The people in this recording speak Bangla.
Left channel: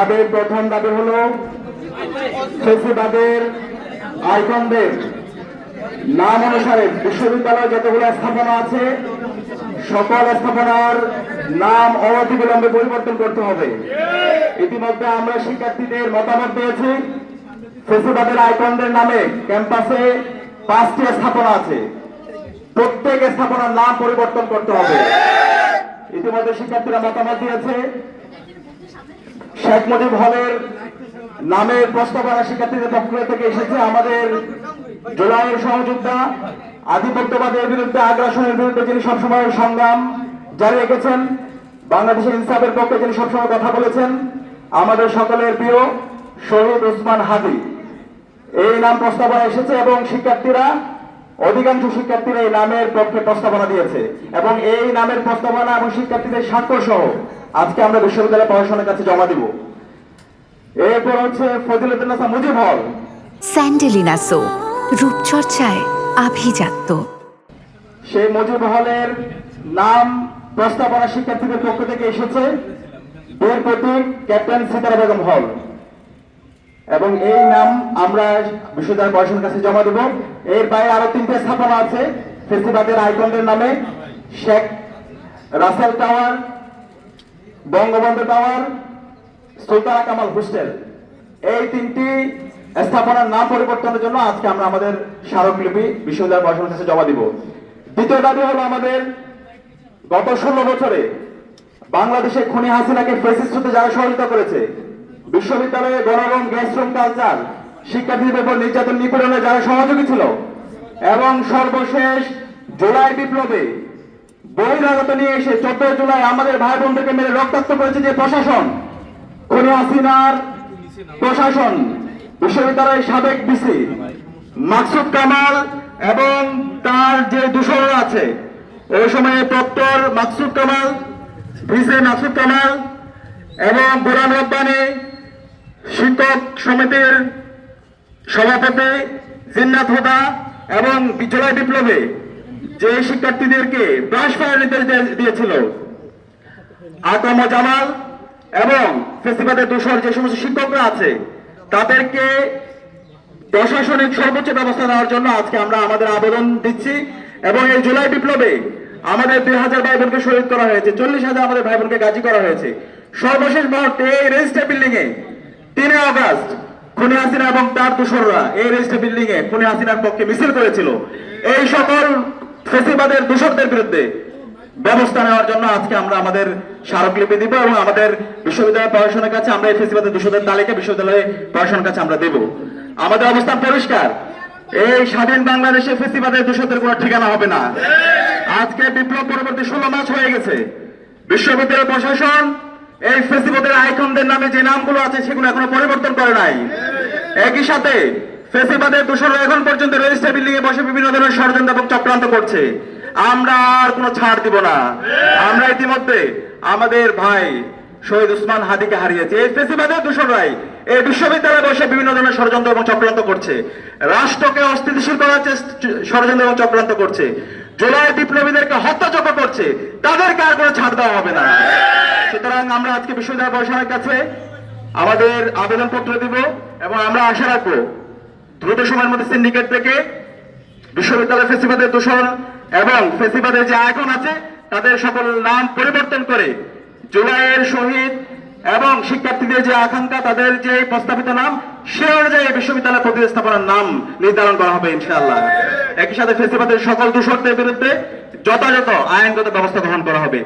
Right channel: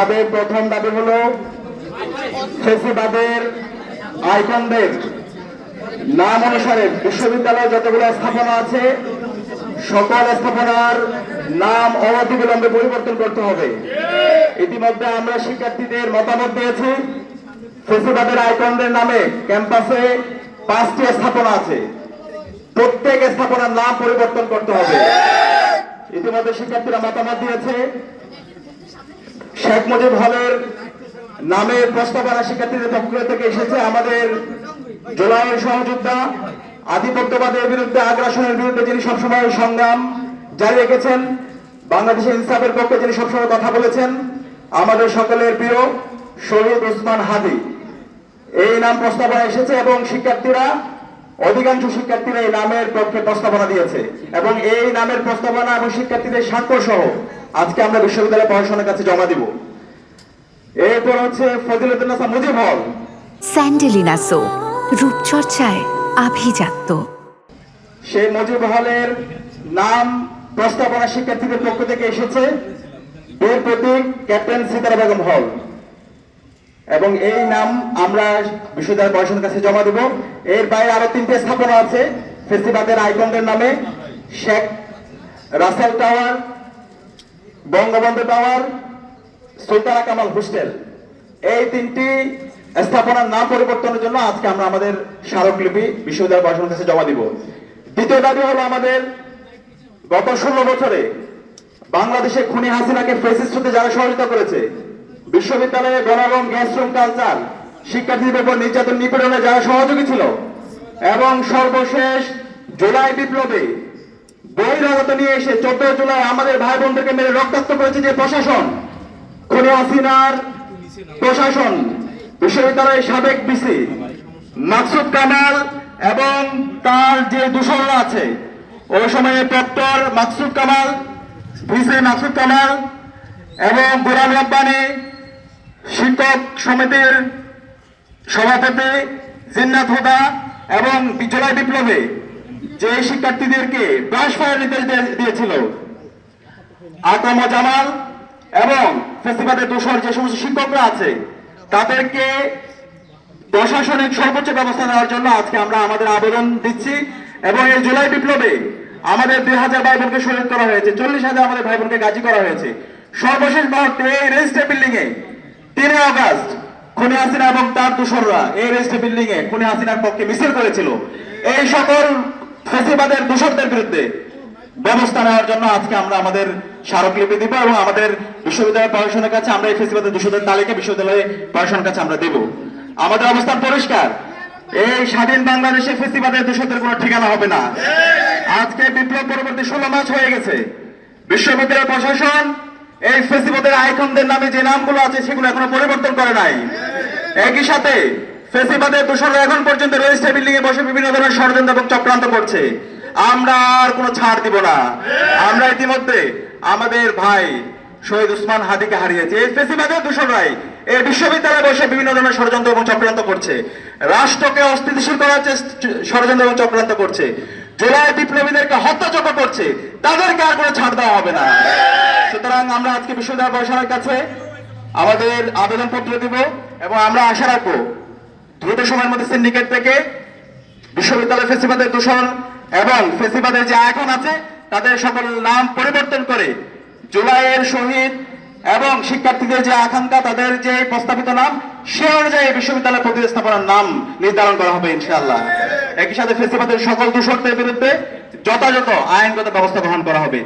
আমাদের প্রথম দাবি হলো ফেসিবাদের আইকনদের নাম অনুসারে বিশ্ববিদ্যালয়ে যতগুলো স্থাপনা আছে সকল স্থাপনার নাম অনতিবিলম্বে পরিবর্তন করতে হবে। ইতিমধ্যে আমরা শিক্ষার্থীদের মতামত দিয়েছি। ফেসিবাদের আইকনদের নামে ক্যাম্পাসে 5টি স্থাপনা আছে, প্রত্যেক স্থাপনার নাম পরিবর্তন করতে হবে। ইতিমধ্যে শিক্ষার্থীরা মতামত দিয়েছে। শেখ মুজিব হলের নামের প্রস্তাবনা শিক্ষার্থীদের পক্ষ থেকে এসেছে। আমাদের জুলাইয়ের সহযোদ্ধা, আধিপত্যবাদের বিরুদ্ধে, আগ্রাসনের বিরুদ্ধে যিনি সবসময় সংগ্রাম জারি রেখেছেন, বাংলাদেশের ইনসাফের পক্ষে যিনি সবসময় কথা বলেছেন, আমাদের সকলের প্রিয় শহীদ ওসমান হাদি, এই নাম প্রস্তাবনা এসেছে এবং শিক্ষার্থীরা, অধিকাংশ শিক্ষার্থীরা এই নামের পক্ষে প্রস্তাবনা দিয়েছে এবং এই নামের প্রস্তাবনা এবং শিক্ষার্থীদের স্বাক্ষর সহ আজকে আমরা বিশ্ববিদ্যালয় প্রশাসনের কাছে জমা দিব। এরপর হচ্ছে ফজিলতুন্নেসা মুজিব হল। স্যান্ডেলিনা সো, রূপচর্চায় আভিজাত্য। সেই মুজিব হলের নাম প্রস্তাবনা শিক্ষার্থীদের পক্ষ থেকে এসেছে বীর প্রতীক ক্যাপ্টেন সিতারা বেগম হল এবং এই নাম আমরা বিশ্ববিদ্যালয় প্রশাসনের কাছে জমা দেব। এর বাইরে আরো 3টি স্থাপনা আছে ফেসিবাদের আইকনদের নামে, Sheikh Russel tower, Bangabandhu tower, Sultana Kamal hostel. এই 3টি স্থাপনার নাম পরিবর্তনের জন্য আজকে আমরা আমাদের স্মারকলিপি বিশ্ববিদ্যালয় প্রশাসনের কাছে জমা দিব। দ্বিতীয় দাবি হলো আমাদের গত 16 বছরে বাংলাদেশে খুনি হাসিনাকে ফেসিস্ট হতে যারা সহযোগিতা করেছে, বিশ্ববিদ্যালয়ে গণরম গ্যাসরুম কালচার, শিক্ষার্থীদের উপর নির্যাতন নিপীড়নে যারা সহযোগী ছিল এবং সর্বশেষ জুলাই বিপ্লবে বহিরাগত নিয়ে এসে 14 জুলাই আমাদের ভাই বোনদেরকে মেরে রক্তাক্ত করেছে যে প্রশাসন, খুনি হাসিনার প্রশাসন, বিশ্ববিদ্যালয়ের সাবেক ভিসি মাকসুদ কামাল এবং তার যে দূষণ আছে, ওই সময়ে প্রক্টর মাকসুদ কামাল, ভিসি মাকসুদ কামাল এবং গোলাম রব্বানী, শিক্ষক সমিতির সভাপতি জিন্নাত হুদা এবং জুলাই বিপ্লবে যে শিক্ষার্থীদেরকে ব্রাশ ফায়ার নির্দেশ দিয়েছিল আকম জামাল এবং ফেসিবাদের দোষর যে সমস্ত শিক্ষকরা আছে তাদেরকে প্রশাসনিক সর্বোচ্চ ব্যবস্থা নেওয়ার জন্য আজকে আমরা আমাদের আবেদন দিচ্ছি। এবং এই জুলাই বিপ্লবে আমাদের 2000 ভাই বোনকে শহীদ করা হয়েছে, 40,000 আমাদের ভাই বোনকে গাজী করা হয়েছে। সর্বশেষ মুহূর্তে এই রেজিস্টার বিল্ডিং এ 3 আগস্ট খুনি হাসিনা এবং তার দোসররা এই রেজিস্টার বিল্ডিং এ খুনি হাসিনার পক্ষে মিছিল করেছিল। এই সকল ফেসিবাদের দোষরদের বিরুদ্ধে ব্যবস্থা নেওয়ার জন্য আজকে আমরা আমাদের স্মারকলিপি দিব এবং আমাদের বিশ্ববিদ্যালয় প্রশাসনের কাছে আমরা এই ফেসিবাদের দোষরদের তালিকা বিশ্ববিদ্যালয় প্রশাসনের কাছে আমরা দেব। আমাদের অবস্থান পরিষ্কার, এই স্বাধীন বাংলাদেশে ফেসিবাদের দোষরদের কোনো ঠিকানা হবে না। আজকে বিপ্লব পরবর্তী 16 মাস হয়ে গেছে, বিশ্ববিদ্যালয় প্রশাসন এই ফেসিবাদের আইকনদের নামে যে নামগুলো আছে সেগুলো এখনো পরিবর্তন করে নাই। একই সাথে ফেসিবাদের দোষররা এখন পর্যন্ত রেজিস্টার বিল্ডিং এ বসে বিভিন্ন ধরনের ষড়যন্ত্র এবং চক্রান্ত করছে। আমরা আর কোনো ছাড় দিব না। আমরা ইতিমধ্যে আমাদের ভাই শহীদ ওসমান হাদিকে হারিয়েছে। এই ফেসিবাদের দোষররাই এই বিশ্ববিদ্যালয়ে বসে বিভিন্ন ধরনের ষড়যন্ত্র এবং চক্রান্ত করছে, রাষ্ট্রকে অস্থিতিশীল করার ষড়যন্ত্র এবং চক্রান্ত করছে, জুলাই বিপ্লবীদেরকে হত্যাযজ্ঞ করছে। তাদেরকে আর কোনো ছাড় দেওয়া হবে না। সুতরাং আমরা আজকে বিশ্ববিদ্যালয় প্রশাসনের কাছে আমাদের আবেদনপত্র দিব এবং আমরা আশা রাখবো দ্রুত সময়ের মধ্যে সিন্ডিকেট থেকে বিশ্ববিদ্যালয় ফেসিবাদের দূষণ এবং ফেসিবাদের যে আইকন আছে তাদের সকল নাম পরিবর্তন করে জুলাইয়ের শহীদ এবং শিক্ষার্থীদের যে আকাঙ্ক্ষা, তাদের যে প্রস্তাবিত নাম, সে অনুযায়ী বিশ্ববিদ্যালয় প্রতিস্থাপনার নাম নির্ধারণ করা হবে ইনশাআল্লাহ। একই সাথে ফেসিবাদের সকল দূষণদের বিরুদ্ধে যথাযথ আইনগত ব্যবস্থা গ্রহণ করা হবে।